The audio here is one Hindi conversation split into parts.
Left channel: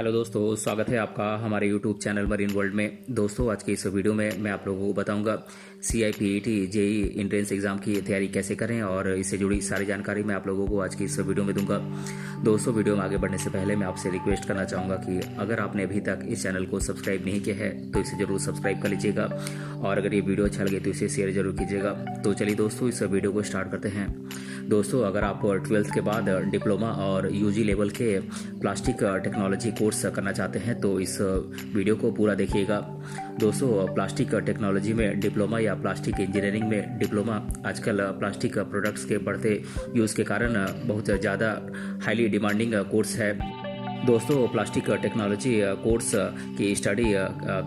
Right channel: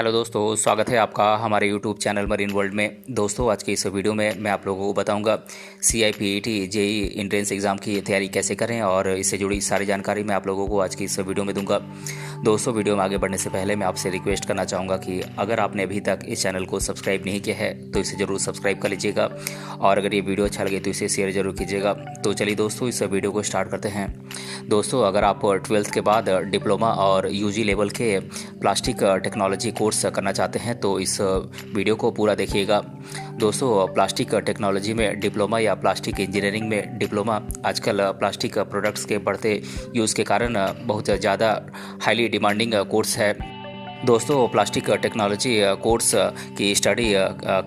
हेलो दोस्तों, स्वागत है आपका हमारे यूट्यूब चैनल मरीन वर्ल्ड में। दोस्तों, आज की इस वीडियो में मैं आप लोगों को बताऊंगा CIPET जेई एंट्रेंस एग्ज़ाम की तैयारी कैसे करें और इससे जुड़ी सारी जानकारी मैं आप लोगों को आज की इस वीडियो में दूंगा। दोस्तों, वीडियो में आगे बढ़ने से पहले मैं आपसे रिक्वेस्ट करना चाहूँगा कि अगर आपने अभी तक इस चैनल को सब्सक्राइब नहीं किया है तो इसे ज़रूर सब्सक्राइब कर लीजिएगा और अगर ये वीडियो अच्छा लगे तो इसे शेयर ज़रूर कीजिएगा। तो चलिए दोस्तों, इस वीडियो को स्टार्ट करते हैं। दोस्तों, अगर आप 12th के बाद डिप्लोमा और UG लेवल के प्लास्टिक टेक्नोलॉजी कोर्स करना चाहते हैं तो इस वीडियो को पूरा देखिएगा। दोस्तों, प्लास्टिक टेक्नोलॉजी में डिप्लोमा या प्लास्टिक इंजीनियरिंग में डिप्लोमा आजकल प्लास्टिक प्रोडक्ट्स के बढ़ते यूज़ के कारण बहुत ज़्यादा हाईली डिमांडिंग कोर्स है। दोस्तों, प्लास्टिक टेक्नोलॉजी कोर्स की स्टडी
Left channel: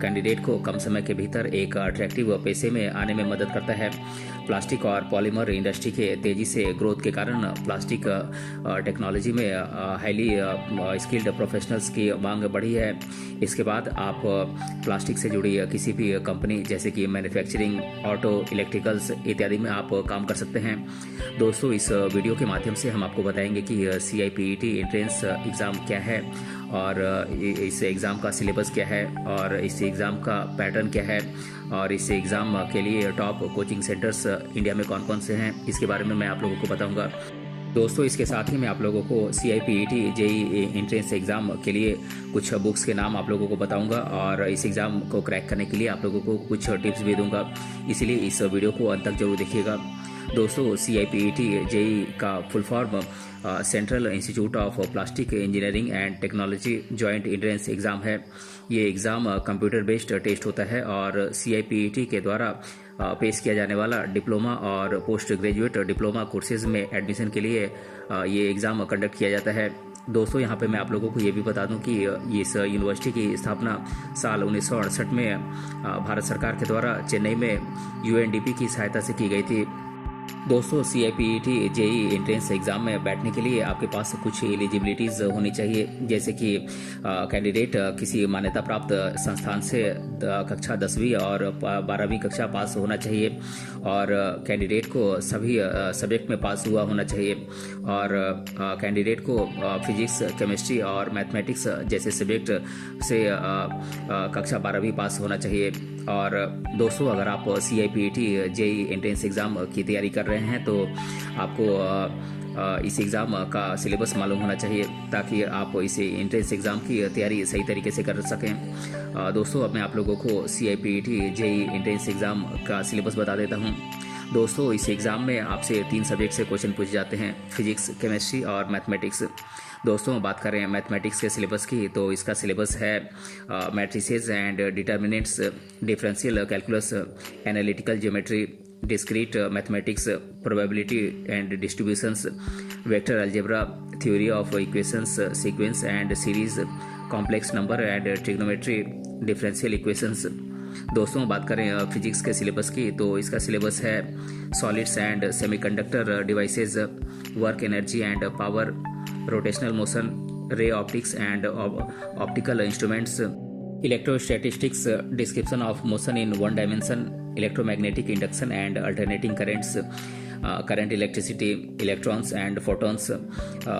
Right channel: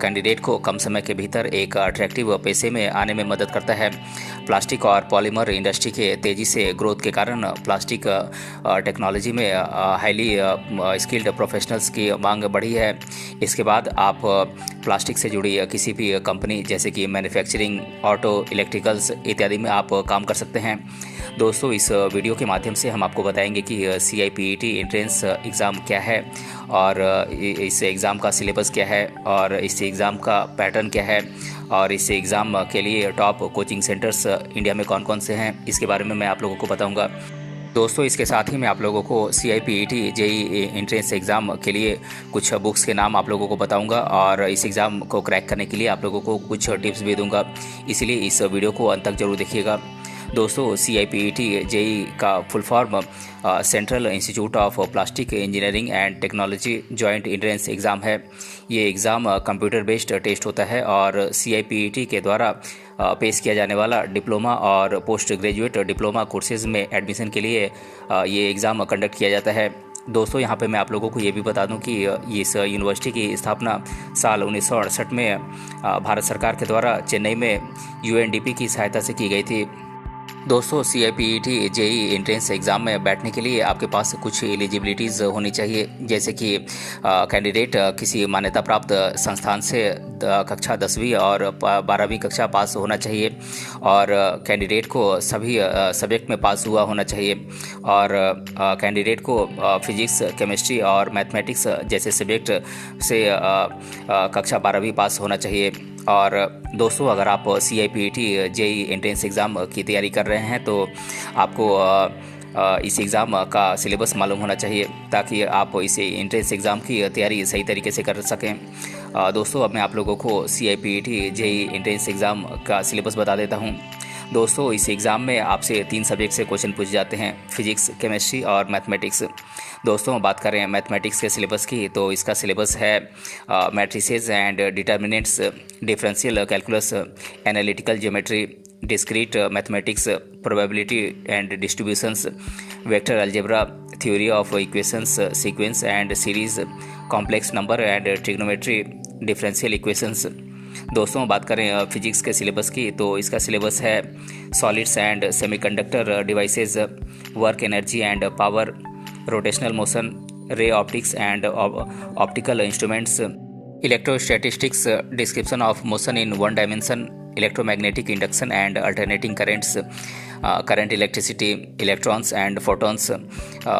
कैंडिडेट को कम समय के भीतर एक अट्रैक्टिव पेशे में आने में मदद करता है। प्लास्टिक और पॉलीमर इंडस्ट्री के तेज़ी से ग्रोथ के कारण प्लास्टिक टेक्नोलॉजी में हाईली स्किल्ड प्रोफेशनल्स की मांग बढ़ी है। इसके बाद आप प्लास्टिक से जुड़ी किसी भी कंपनी जैसे कि मैन्युफैक्चरिंग, ऑटो, इलेक्ट्रिकल्स इत्यादि में आप काम कर सकते हैं। दोस्तों, इस वीडियो के माध्यम से हम आपको बताएंगे कि CIPET एंट्रेंस एग्ज़ाम क्या है और इस एग्ज़ाम का सिलेबस क्या है और इस एग्ज़ाम का पैटर्न क्या है और इस एग्ज़ाम के लिए टॉप कोचिंग सेंटर्स इंडिया में कौन कौन से हैं, इसके बारे में मैं आप लोगों को बताऊंगा। दोस्तों, इसके साथ ही मैं आप लोगों को CIPET जेई एंट्रेंस एग्ज़ाम के लिए कुछ बुक्स के नाम आप लोगों को बताऊंगा और इस एग्ज़ाम को क्रैक करने के लिए आप लोगों को कुछ टिप्स भी दूंगा, इसीलिए इस वीडियो को अंत तक जरूर देखिएगा। दोस्तों, CIPET जेई का full form central institute of plastic engineering and technology joint entrance exam है। ये एग्ज़ाम कंप्यूटर बेस्ड टेस्ट होता है और CIPET के द्वारा पेश किया जाने वाला डिप्लोमा और पोस्ट ग्रेजुएट डिप्लोमा कोर्सेज़ में एडमिशन के लिए ये एग्ज़ाम कंडक्ट किया जाता है। दोस्तों, यहाँ पे मैं आप लोगों को ये भी बता दूं कि इस यूनिवर्सिटी की स्थापना साल 1968 में भारत सरकार के द्वारा चेन्नई में UNDP की सहायता से की गई थी। दोस्तों, CIPET जेई एंट्रेंस एग्ज़ाम में बैठने के लिए आपके पास कुछ एलिजिबिलिटीज़ होनी चाहिए, जैसे कि कैंडिडेट किसी मान्यता प्राप्त संस्थान से कक्षा 10वीं और 12वीं कक्षा पास होना चाहिए और कैंडिडेट को सभी सब्जेक्ट में पास हुआ होना चाहिए और कैंडिडेट को फिजिक्स, केमिस्ट्री और मैथमेटिक्स जैसे सब्जेक्ट से कक्षा 12वीं पास होना चाहिए। और दोस्तों, अगर आप CIPET जेई एंट्रेंस एग्ज़ाम की तैयारी कर रहे हैं तो आपको इस एग्ज़ाम का सिलेबस मालूम होना चाहिए ताकि आप इस एंट्रेंस एग्ज़ाम की तैयारी सही तरीके से कर सकें। दोस्तों, अब मैं आप लोगों को CIPET जेई एंट्रेंस एग्ज़ाम का सिलेबस बता देता हूं। दोस्तों, इस एग्ज़ाम में आपसे 3 सब्जेक्ट से क्वेश्चन पूछे जाते हैं, फिजिक्स, केमिस्ट्री और मैथमेटिक्स। दोस्तों, बात करें मैथमेटिक्स के सिलेबस की तो इसका सिलेबस है matrices and determinants, differential calculus, analytical geometry, discrete mathematics, probability and distributions, vector algebra, theory of equations, sequence and series, complex number and trigonometry, differential equations. दोस्तों, बात करें फिजिक्स के सिलेबस की तो इसका सिलेबस है solids and semiconductor devices, work energy and power, rotational motion, ray optics and optical instruments, electrostatistics, description of motion in one dimension, electromagnetic induction and alternating currents, current electricity, electrons and photons,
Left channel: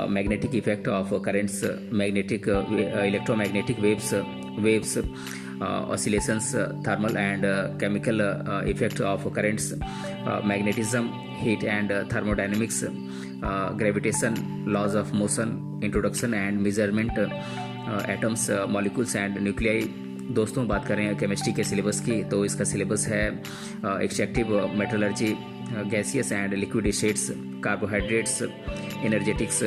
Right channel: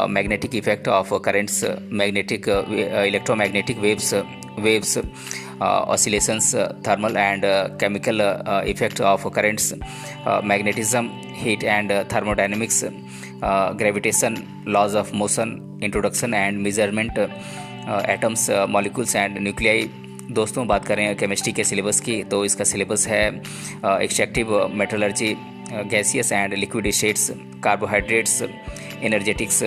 magnetic effect of currents, magnetic electromagnetic waves, oscillations, thermal and chemical effect of currents, magnetism, heat and thermodynamics, gravitation, laws of motion, introduction and measurement, atoms, molecules and nuclei। दोस्तों, बात करें केमिस्ट्री के सिलेबस की तो इसका सिलेबस है extractive metallurgy, gaseous and liquid states, carbohydrates, energetics,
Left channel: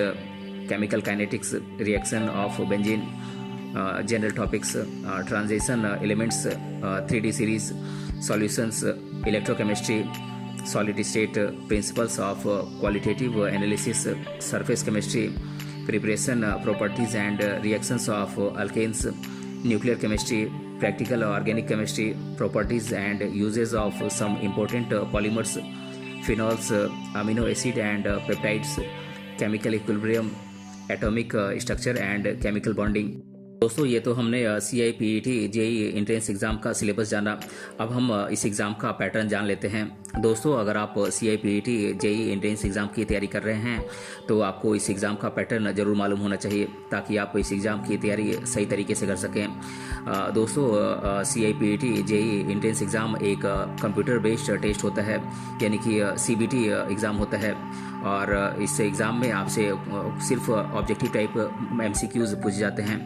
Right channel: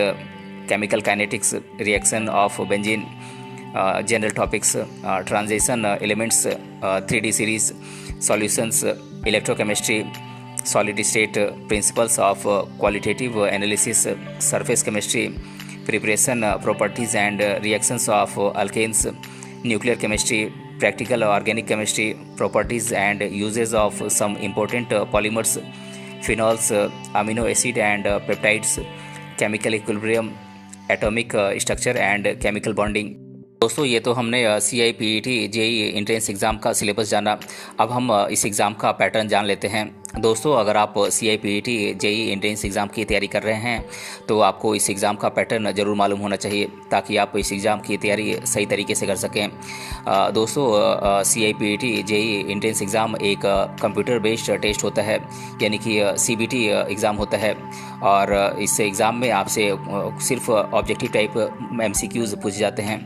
chemical kinetics, reaction of benzene, general topics, transition elements, 3D series, solutions, electrochemistry, solid state, principles of qualitative analysis, surface chemistry, preparation, properties and reactions of alkanes, nuclear chemistry, practical organic chemistry, properties and uses of some important polymers, phenols, amino acid and peptides, chemical equilibrium, atomic structure and chemical bonding. दोस्तों, ये तो हमने CIPET जेई एंट्रेंस एग्ज़ाम का सिलेबस जाना। अब हम इस एग्ज़ाम का पैटर्न जान लेते हैं। दोस्तों, अगर आप CIPET जेई एंट्रेंस एग्ज़ाम की तैयारी कर रहे हैं तो आपको इस एग्ज़ाम का पैटर्न ज़रूर मालूम होना चाहिए ताकि आप इस एग्ज़ाम की तैयारी सही तरीके से कर सकें। दोस्तों, CIPET जेई एंट्रेंस एग्ज़ाम एक कंप्यूटर बेस्ड टेस्ट होता है, यानी कि CBT एग्ज़ाम होता है। और इस एग्ज़ाम में आपसे सिर्फ ऑब्जेक्टिव टाइप MCQs पूछे जाते हैं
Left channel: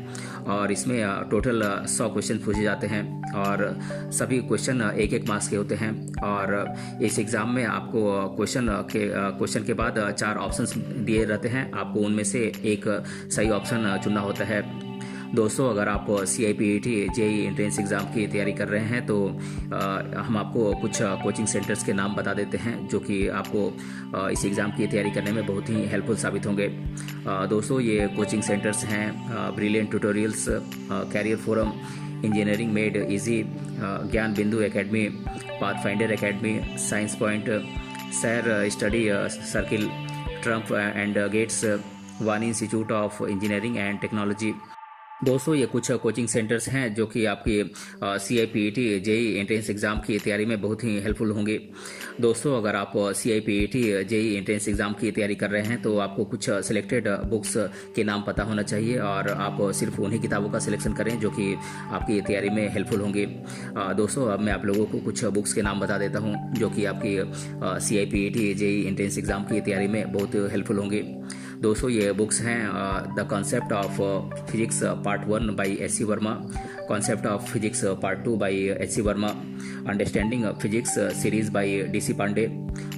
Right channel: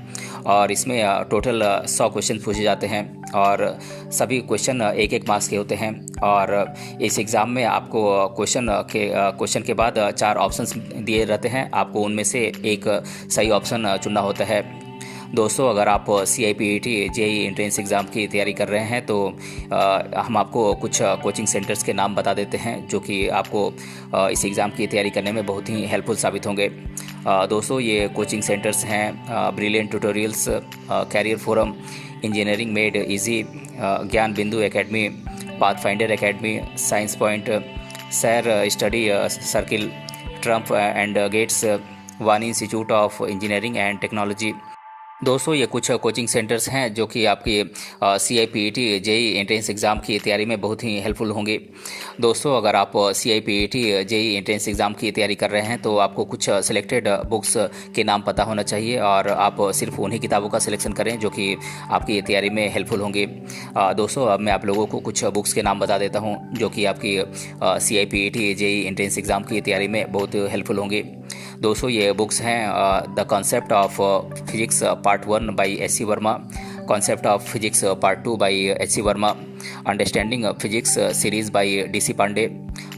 और इसमें टोटल 100 क्वेश्चन पूछे जाते हैं और सभी क्वेश्चन एक एक मार्क्स के होते हैं। और इस एग्ज़ाम में आपको क्वेश्चन के बाद 4 ऑप्शंस दिए रहते हैं, आपको उनमें से एक सही ऑप्शन चुनना होता है। दोस्तों, अगर आप CIPET जेई एंट्रेंस एग्ज़ाम की तैयारी कर रहे हैं तो हम आपको कुछ कोचिंग सेंटर्स के नाम बता देते हैं जो कि आपको इस एग्ज़ाम की तैयारी करने में बहुत ही हेल्पफुल साबित होंगे। दोस्तों, ये कोचिंग सेंटर्स हैं brilliant tutorials, career forum, engineering made easy, Gyan Bindu academy, Pathfinder academy, science point, सैर study circle, Trump and Gates, Wani institute of engineering and technology. दोस्तों, ये कुछ कोचिंग सेंटर्स हैं जो कि आपकी CIPET जेई एंट्रेंस एग्ज़ाम की तैयारी में बहुत ही हेल्पफुल होंगे। दोस्तों, अगर आप CIPET जेई एंट्रेंस एग्ज़ाम की तैयारी कर रहे हैं तो आपको कुछ सिलेक्टेड बुक्स के नाम पता होना चाहिए और आप सिर्फ उन्हीं किताबों का सिलेक्शन करें जो कि आपकी तैयारी में हेल्पफुल होंगे। दोस्तों, अब मैं आप लोगों को कुछ बुक्स के नाम बता देता हूँ जो कि आपकी CIPET जेई एंट्रेंस एग्ज़ाम की तैयारी में बहुत हेल्पफुल होंगे। दोस्तों, ये बुक्स हैं the concept of physics part 1 by SC Verma, concept of physics part 2 by HC Verma, understanding physics series by DC Pandey,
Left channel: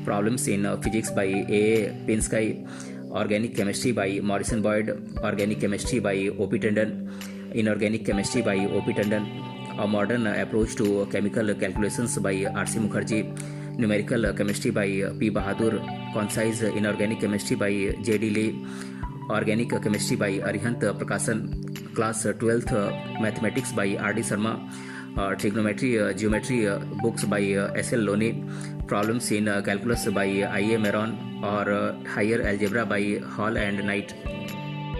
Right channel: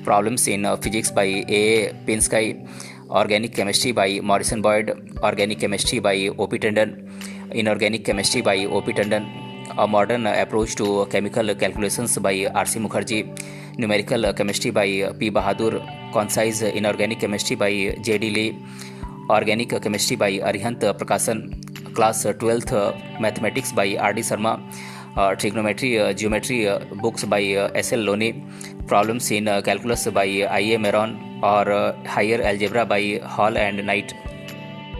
problems in physics by AA Pinsky, organic chemistry by Morrison Boyd, organic chemistry by OP Tandon, inorganic chemistry by OP Tandon, a modern approach to chemical calculations by RC Mukherjee, numerical chemistry by P Bahadur, concise inorganic chemistry by JD Lee, organic chemistry by Arihant Prakashan, class 12th mathematics by RD Sharma, trigonometry geometry books by SL Loney, problems in calculus by IA Maron और higher algebra by Hall and Knight.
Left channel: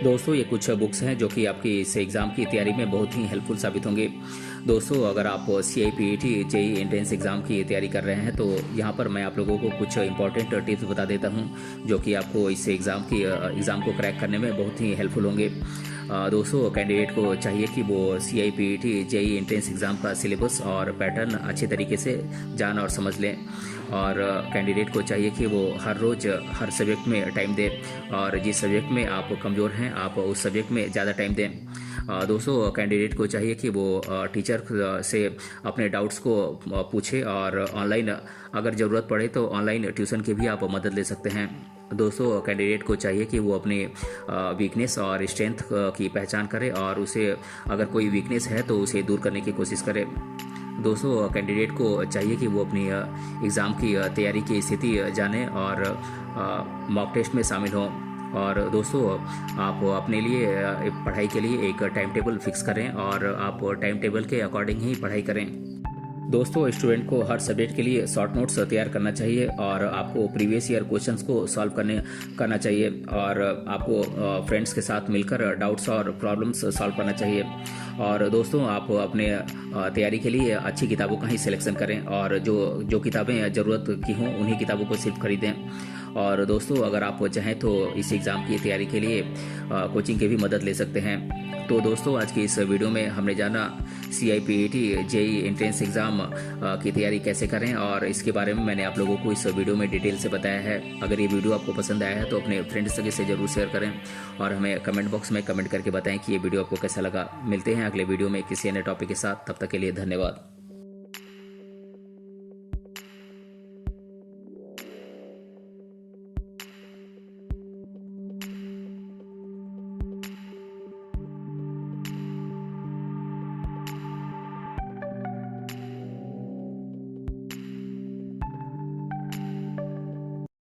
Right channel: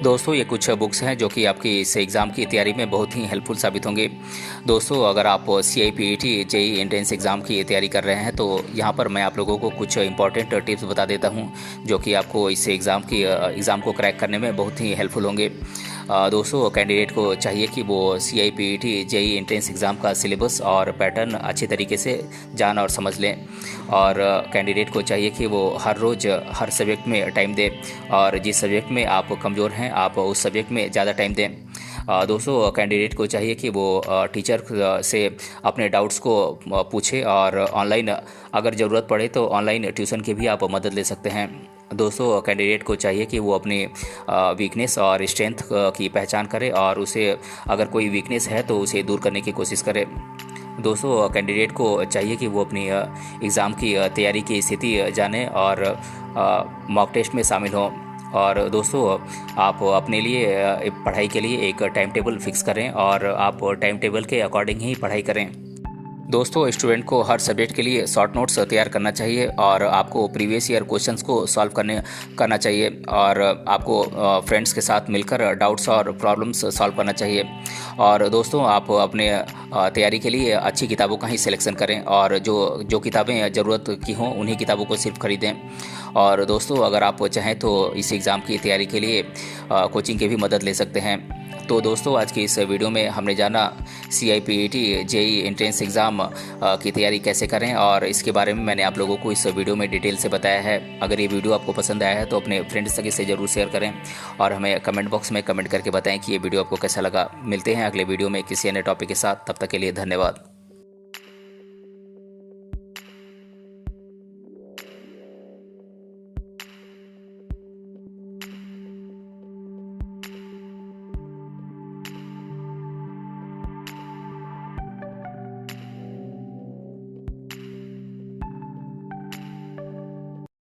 दोस्तों, ये कुछ बुक्स हैं जो कि आपकी इस एग्ज़ाम की तैयारी में बहुत ही हेल्पफुल साबित होंगे। दोस्तों, अगर आप CIPET जेई एंट्रेंस एग्ज़ाम की तैयारी कर रहे हैं तो यहाँ पर मैं आप लोगों को कुछ इंपॉर्टेंट टिप्स बता देता हूँ जो कि आपको इस एग्ज़ाम को क्रैक करने में बहुत ही हेल्पफुल होंगे। दोस्तों, कैंडिडेट को चाहिए कि वो CIPET जेई एंट्रेंस एग्ज़ाम का सिलेबस और पैटर्न अच्छे तरीके से जान और समझ लें और कैंडिडेट को चाहिए कि वो हर रोज़ हर सब्जेक्ट में टाइम दें और जिस सब्जेक्ट में आप कमज़ोर हैं आप उस सब्जेक्ट में ज़्यादा टाइम दें। दोस्तों, कैंडिडेट को चाहिए कि वो टीचर से अपने डाउट्स को पूछे और ऑनलाइन अगर ज़रूरत पड़े तो ऑनलाइन ट्यूशन की भी आप मदद ले सकते हैं। दोस्तों, कैंडिडेट को चाहिए कि वो अपनी वीकनेस और स्ट्रेंथ की पहचान करे और उसे अगर कोई वीकनेस है तो उसे दूर करने की कोशिश करे। दोस्तों, कैंडिडेट को चाहिए कि वो अपनी एग्ज़ाम की तैयारी की स्थिति जाने और मॉक टेस्ट में शामिल हों। और दोस्तों, आप अपने लिए पढ़ाई के लिए एक टाइम टेबल फिक्स करें और आप टाइम टेबल के अकॉर्डिंग ही पढ़ाई करें। दोस्तों, स्टूडेंट को हर सब्जेक्ट के लिए शॉर्ट नोट्स तैयार करना चाहिए और आपको प्रीवियस ईयर क्वेश्चंस को सॉल्व करना चाहिए और आपको फ्रेंड्स के साथ मिलकर डाउट्स और प्रॉब्लम्स सॉल्व करना चाहिए। और दोस्तों, आप अपने तैयारी के लिए अच्छी किताबों का ही सिलेक्शन करें और जो किताबें ज़रूरत की हों उन्हीं किताबों को सिर्फ खरीदें। और दोस्तों, अगर आप चाहें तो इस एग्ज़ाम की तैयारी के लिए कोचिंग की भी मदद ले सकते हैं। तो दोस्तों, आज की इस वीडियो में हमने जाना CIPET जेई एंट्रेंस एग्ज़ाम की तैयारी कैसे करें और इसके बारे में मैंने आप लोगों को इस वीडियो में डिटेल से बताया है। अगर ये वीडियो आपको पसंद आया है तो अपने फ्रेंड्स से ज़रूर शेयर करें और हमें कमेंट बॉक्स में कमेंट करके बताएं कि ये वीडियो आपको कैसा लगा। मिलते हैं अगले वीडियो में किसी अन्य टॉपिक के साथ, तब तक के लिए धन्यवाद।